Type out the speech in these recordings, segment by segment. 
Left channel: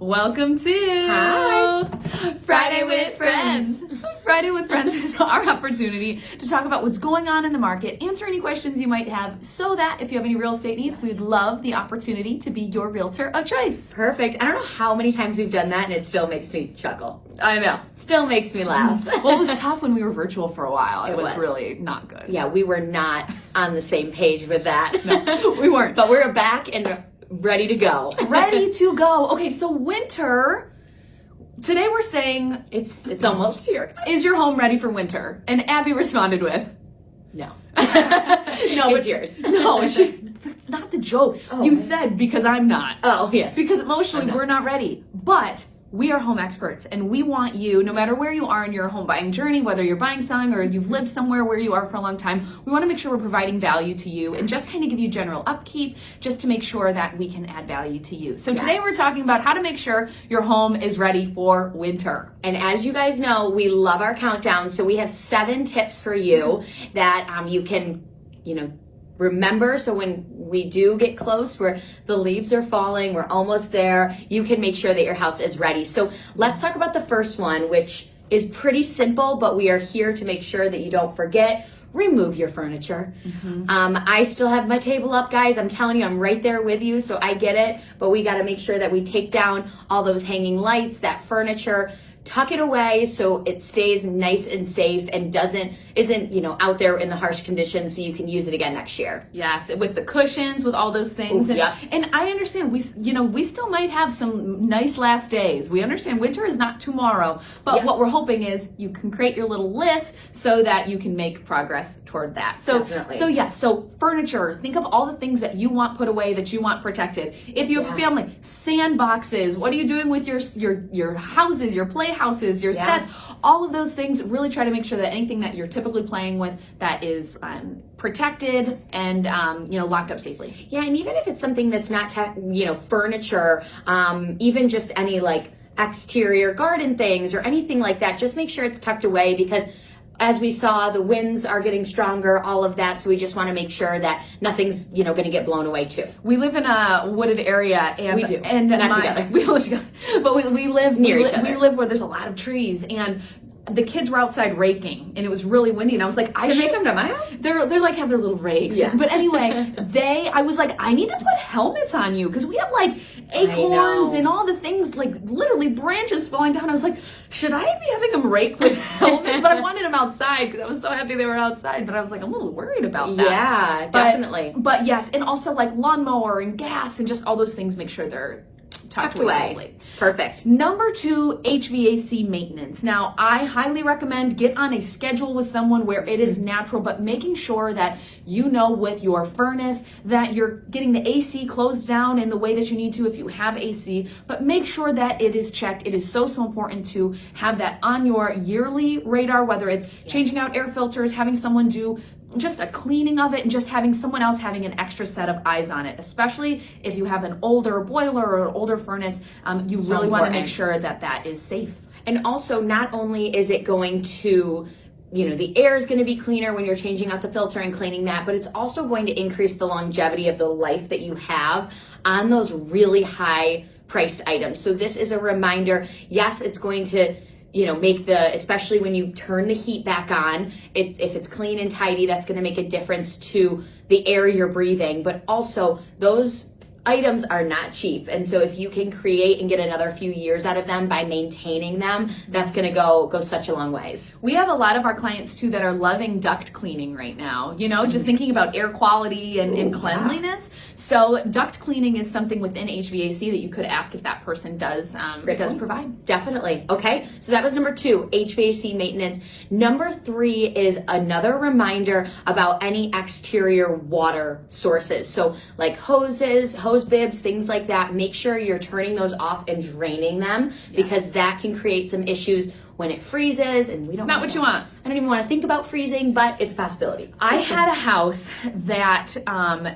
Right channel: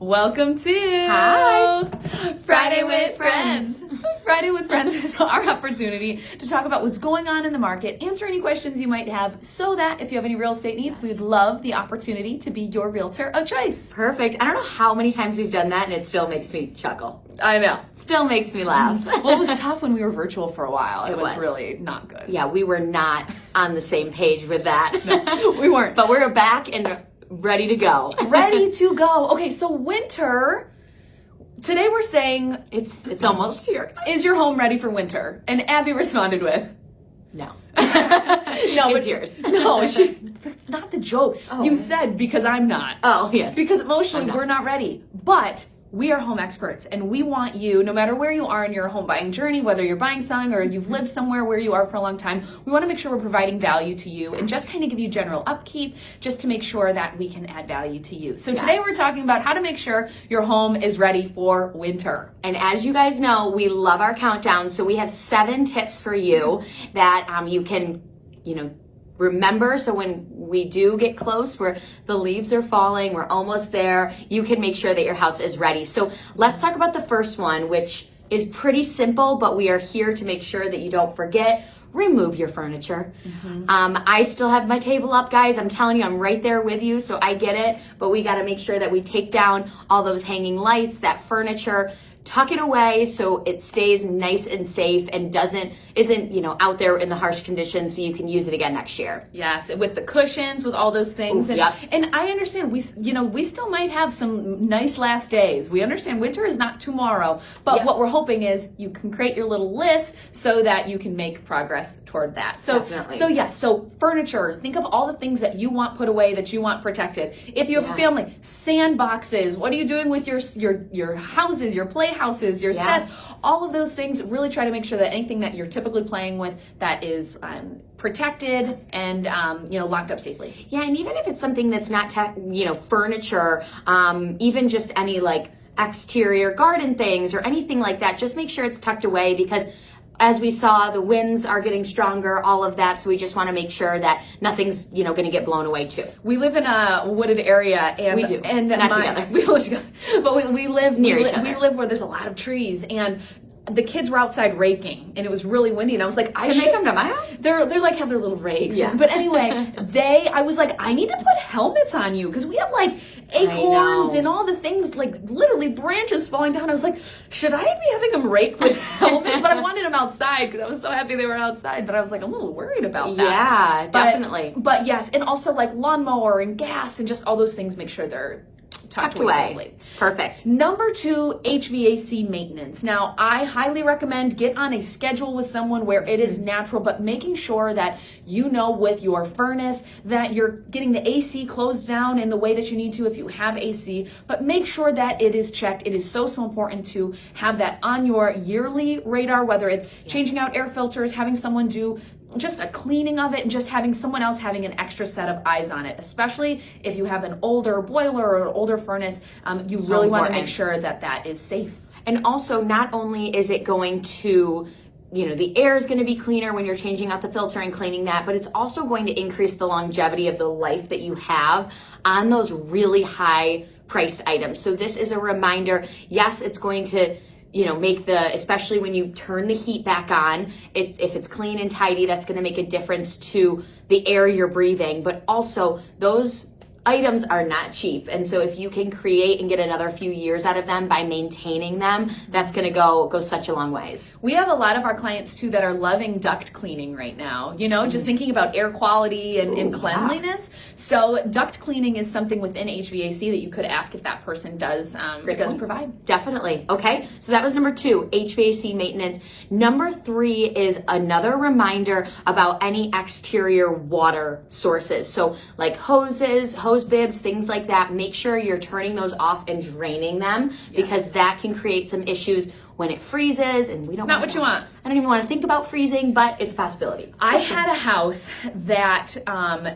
Welcome to Friday with Friends. Friday with Friends is our opportunity to talk about what's going on in the market, answer any questions you might have, so that if you have any real estate needs, we'd love the opportunity to be your realtor of choice. Perfect. I don't know how many times we've done that and it still makes me chuckle. I know. Still makes me laugh. Well, it was tough when we were virtual for a while. It was really not good. Yeah, we were not on the same page with that. No, we weren't. But we're back and ready to go. Ready to go. Okay, so winter. Today we're saying it's almost here. Is your home ready for winter? And Abby responded with, no. No, it's yours. No, that's not the joke. Oh. You said because I'm not. Oh, yes. Because emotionally we're not ready. But we are home experts, and we want you, no matter where you are in your home buying journey, whether you're buying, selling, or you've lived somewhere where you are for a long time, we want to make sure we're providing value to you and just kind of give you general upkeep just to make sure that we can add value to you. So today we're talking about how to make sure your home is ready for winter. And as you guys know, we love our countdown, so we have 7 tips for you that you can, remember. So when we do get close, where the leaves are falling, we're almost there, you can make sure that your house is ready. So let's talk about the first one, which is pretty simple, but we are here to make sure that you don't forget. Remove your furniture. I still have my table up, guys. I'm telling you, I'm right there with you, so I get it. But we got to make sure that we take down all those hanging lights, that furniture, tuck it away so it stays nice and safe and isn't out there in the harsh conditions, so you can use it again next year. Yes, with the cushions, with all those things. Ooh, and I understand we still might have some nice last days. We understand winter is not tomorrow, but what we're hoping is you can create your little list so that you can make progress toward that. So furniture, think of all the things that you want put away, that you want protected. If you have a family, sandboxes, what are you doing with your houses, your playhouses, your sets? All of those things, really try to make sure that anything that you're typically playing with that is protected and locked up safely. Yeah, and even if it's something that's not furniture, even just any exterior garden things or anything like that, just make sure it's tucked away, because as we saw, the winds are getting stronger, all of that, so we just want to make sure that nothing's going to get blown away too. We live in a wooded area, and we do. And we live where there's a lot of trees, and the kids were outside raking, and it was really windy, and I was like, Can they come to my house? They're like have their little rakes. Yeah. But anyway, I was like, I need to put helmets on you, because we have acorns and all the things, literally branches falling down. I was like, should I be having them rake with helmets? But I wanted them outside because I was so happy they were outside. But I was like, I'm a little worried about that. Yeah, definitely. But yes, and also lawnmower and gas and just all those things, make sure they're tucked away safely. Perfect. Number 2, HVAC maintenance. Now, I highly recommend get on a schedule with someone where it is natural, but making sure that with your furnace that you're getting the AC closed down in the way that you need to if you have AC, but make sure that it is checked. It is so important to have that on your yearly radar, whether it's changing out air filters, having someone do just a cleaning of it, and just having someone else having an extra set of eyes on it, especially if you have an older boiler or an older furnace. You really want to make sure that is safe. And also, not only is it going to, the air is going to be cleaner when you're changing out the filter and cleaning that, but it's also going to increase the longevity of the life that you have on those really high priced items. So this is a reminder. Yes, it's going to make especially when you turn the heat back on, if it's clean and tidy, that's going to make a difference to the air you're breathing. But also, those items are not cheap. And so if you can create and get another few years out of them by maintaining them, that's going to go such a long ways. We have a lot of our clients too that are loving duct cleaning right now, just thinking about air quality and cleanliness. So duct cleaning is something within HVAC that you could ask if that person does provide. Definitely. Okay. So that was number 2, HVAC maintenance. Number 3 is another reminder about any exterior water sources. So hoses, hose bibs, things like that. Make sure you're turning those off and draining them, because that can create some issues when it freezes, and we don't. It's not what you want. I don't even want to think about freezing, but it's a possibility. I had a house that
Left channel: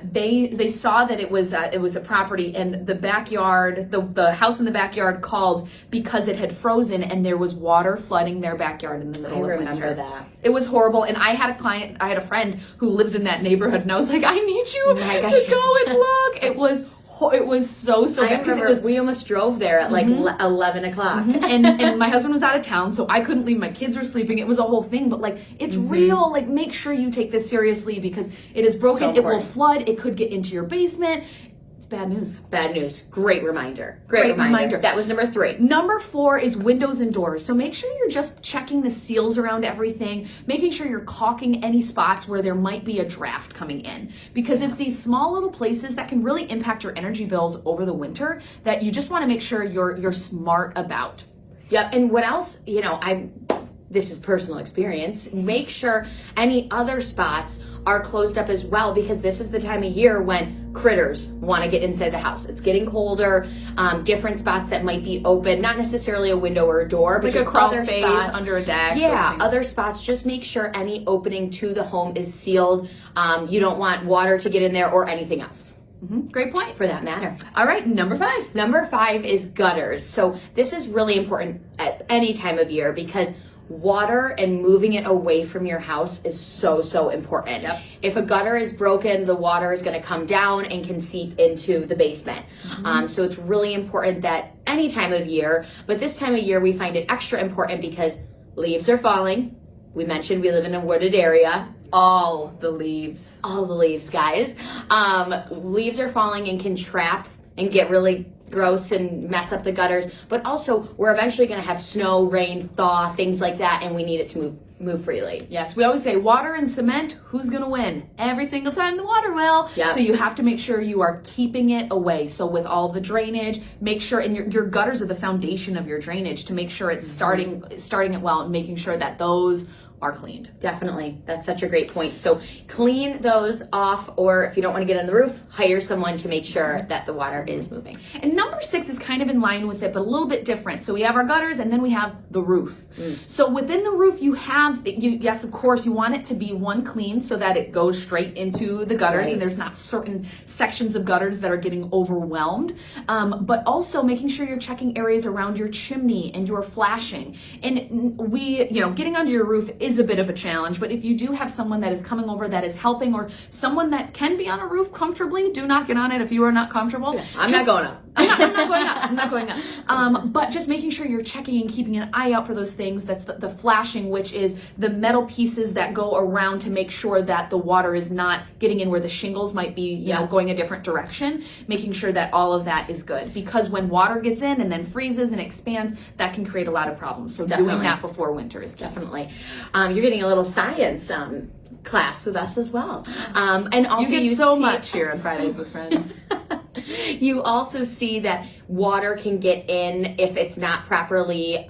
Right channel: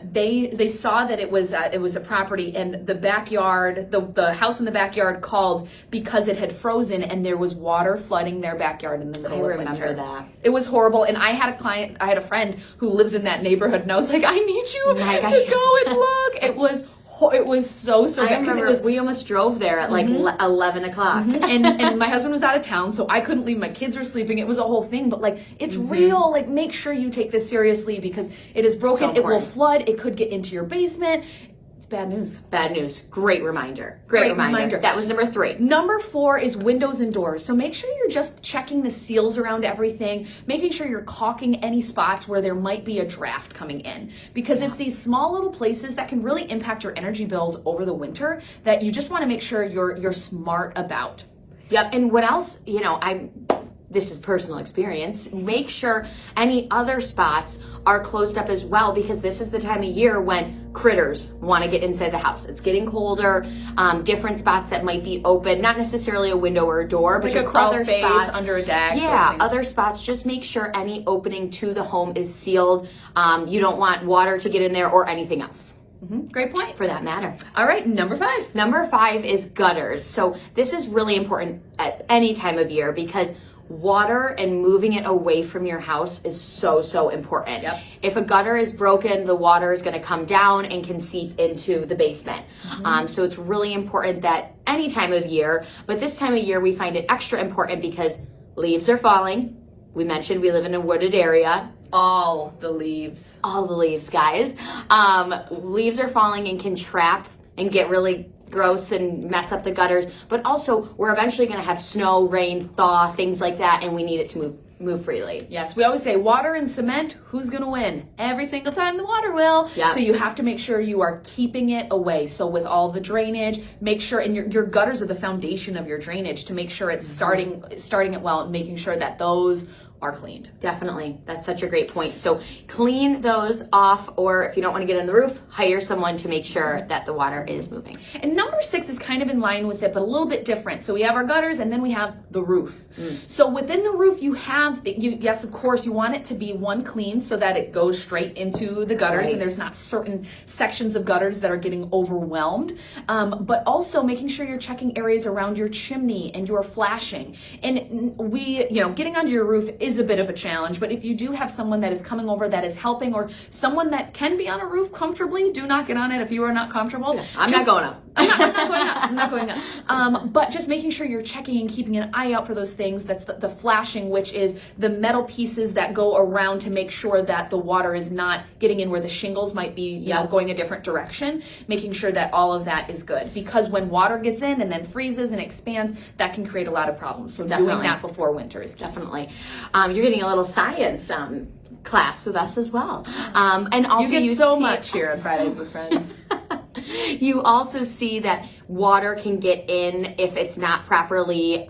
they saw that it was a property, and the backyard, the house in the backyard called because it had frozen and there was water flooding their backyard in the middle of winter. I remember that. It was horrible, and I had a friend who lives in that neighborhood, and I was like, I need you to go and look. It was it was so I bad because it remember was. we almost drove there at like 11 o'clock. and my husband was out of town, so I couldn't leave. My kids were sleeping. It was a whole thing, but like it's real. Like make sure you take this seriously because it is broken. It will flood. It could get into your basement. It's bad news. Bad news. Great reminder. Great reminder. That was number 3. Number 4 is windows and doors. So make sure you're just checking the seals around everything, making sure you're caulking any spots where there might be a draft coming in, because it's these small little places that can really impact your energy bills over the winter that you just want to make sure you're smart about. Yep. And what else, this is personal experience, make sure any other spots are closed up as well, because this is the time of year when critters want to get inside the house. It's getting colder. Different spots that might be open, not necessarily a window or a door, but Like just a crawl other space spots. under a deck. Yeah, other spots. Just make sure any opening to the home is sealed. You don't want water to get in there or anything else. Great point. For that matter. All right, number 5. Number 5 is gutters. So this is really important at any time of year because water and moving it away from your house is so important. Yep. If a gutter is broken, the water is going to come down and can seep into the basement. So it's really important that any time of year, but this time of year we find it extra important because leaves are falling. We mentioned we live in a wooded area. All the leaves, guys. Leaves are falling and can trap and get really gross and mess up the gutters, but also we're eventually going to have snow, rain, thaw, things like that, and we need it to move freely. Yes, we always say water and cement, who's going to win? Every single time the water will. Yep. So you have to make sure you are keeping it away. So with all the drainage, make sure, and your gutters are the foundation of your drainage, to make sure it's starting it well and making sure that those are cleaned. Definitely. That's such a great point. So clean those off, or if you don't want to get on the roof, hire someone to make sure that the water is moving. And number 6 is kind of in line with it, but a little bit different. So we have our gutters and then we have the roof. So within the roof, yes, of course, you want it to be one clean so that it goes straight into the gutters and there's not certain sections of gutters that are getting overwhelmed. But also making sure you're checking areas around your chimney and your flashing. And getting onto your roof is a bit of a challenge, but if you do have someone that is coming over that is helping, or someone that can be on a roof comfortably, do not get on it if you are not comfortable. I'm not going up. I'm not going up. But just making sure you're checking and keeping an eye out for those things. That's the flashing, which is the metal pieces that go around to make sure that the water is not getting in where the shingles might be, going a different direction. Making sure that all of that is good, because when water gets in and then freezes and expands, that can create a lot of problems. So doing that before winter is key. Definitely. You're getting a little science class with us as well. And also you get so much here on Fridays with Friends. You also see that water can get in if it's not properly,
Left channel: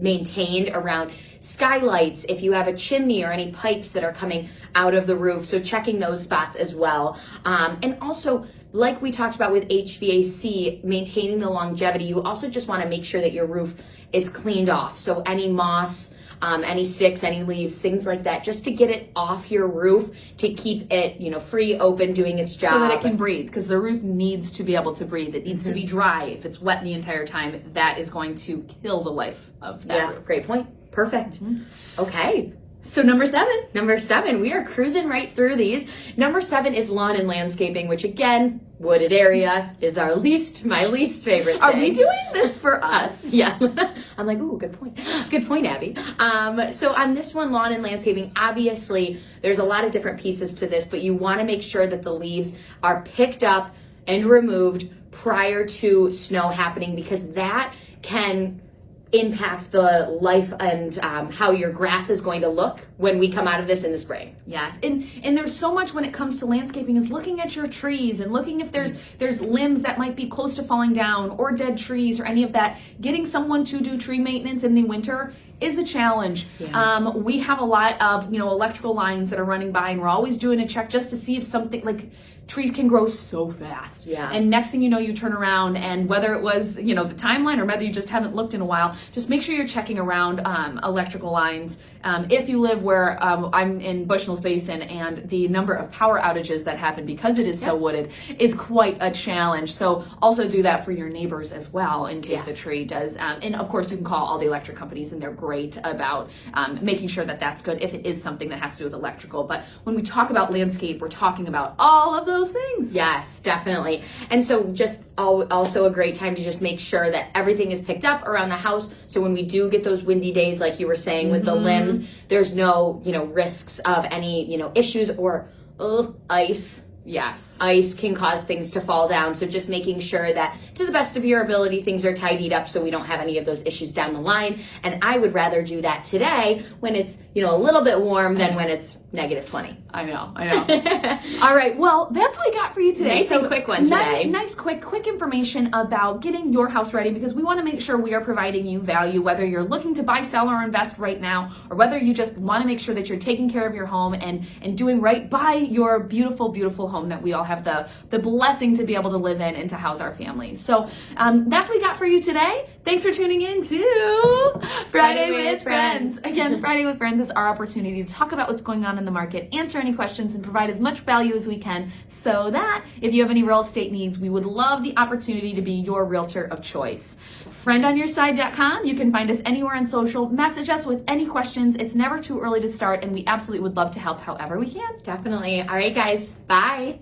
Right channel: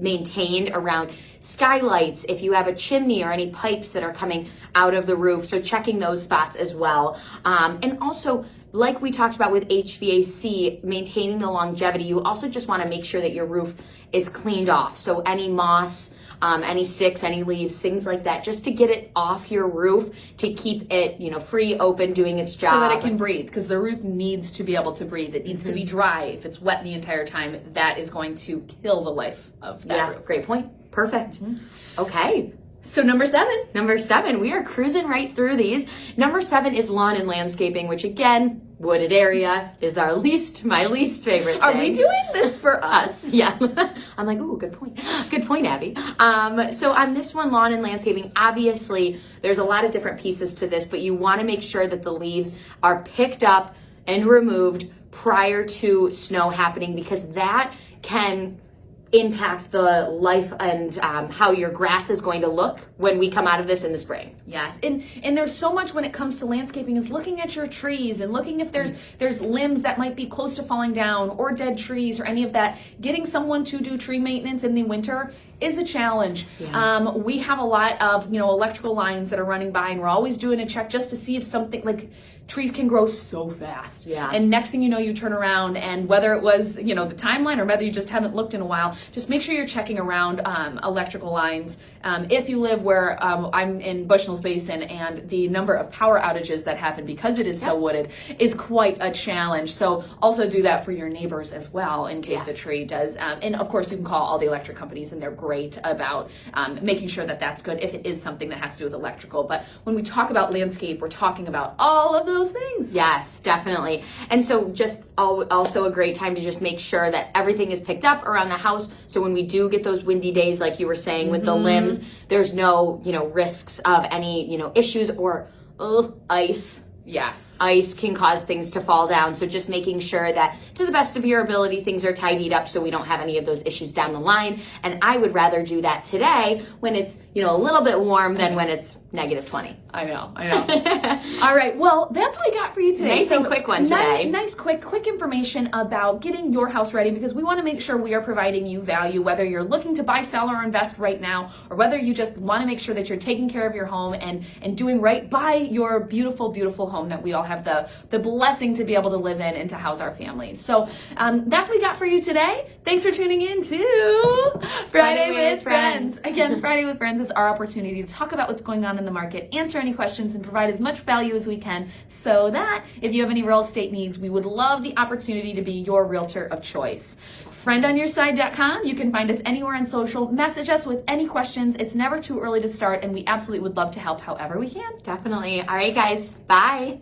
maintained around skylights, if you have a chimney or any pipes that are coming out of the roof. So checking those spots as well. And also, like we talked about with HVAC, maintaining the longevity, you also just want to make sure that your roof is cleaned off. So any moss, any sticks, any leaves, things like that, just to get it off your roof, to keep it, free, open, doing its job. So that it can breathe, because the roof needs to be able to breathe. It needs to be dry. If it's wet the entire time, that is going to kill the life of that roof. Great point. Perfect. Okay. So number 7. Number 7, we are cruising right through these. Number 7 is lawn and landscaping, which again, wooded area is my least favorite Are thing. we doing this for us? Yeah. I'm like, ooh, good point. Good point, Abby. So on this one, lawn and landscaping, obviously there's a lot of different pieces to this, but you want to make sure that the leaves are picked up and removed prior to snow happening, because that can impact the life and how your grass is going to look when we come out of this in the spring. Yes, and there's so much when it comes to landscaping, is looking at your trees and looking if there's limbs that might be close to falling down, or dead trees or any of that. Getting someone to do tree maintenance in the winter is a challenge. Yeah. We have a lot of electrical lines that are running by, and we're always doing a check just to see if something, like, trees can grow so fast. Yeah. And next thing you know, you turn around, and whether it was, the timeline, or whether you just haven't looked in a while, just make sure you're checking around electrical lines. If you live where I'm in Bushnell's Basin, and the number of power outages that happen because it is so wooded is quite a challenge. So also do that for your neighbors as well, in case a tree does. And of course, you can call all the electric companies, and they're great great about making sure that that's good if it is something that has to do with electrical. But when we talk about landscape, we're talking about all of those things. Yes, definitely. And so just also a great time to just make sure that everything is picked up around the house. So when we do get those windy days, like you were saying with the limbs, there's no, risks of any, issues or ice. Yes. Ice can cause things to fall down. So just making sure that to the best of your ability, things are tidied up so we don't have any of those issues down the line. And I would rather do that today when it's, a little bit warm than when it's -20. I know. All right. Well, that's what I got for you today. Nice and quick one today. Nice, quick information about getting your house ready, because we want to make sure we are providing you value, whether you're looking to buy, sell, or invest right now, or whether you just want to make sure that you're taking care of your home and doing right by your beautiful, beautiful home that we all have the blessing to be able to live in and to house our families. So that's what we got for you today. Thanks for tuning in to Friday with Friends. Again, Friday with Friends is our opportunity to talk about what's going on in the market, answer any questions, and provide as much value as we can, so that if you have any real estate needs, we would love the opportunity to be your realtor of choice. FriendOnYourSide.com. You can find us anywhere on social. Message us with any questions. It's never too early to start, and we absolutely would love to help however we can. Definitely. All right, guys. Bye.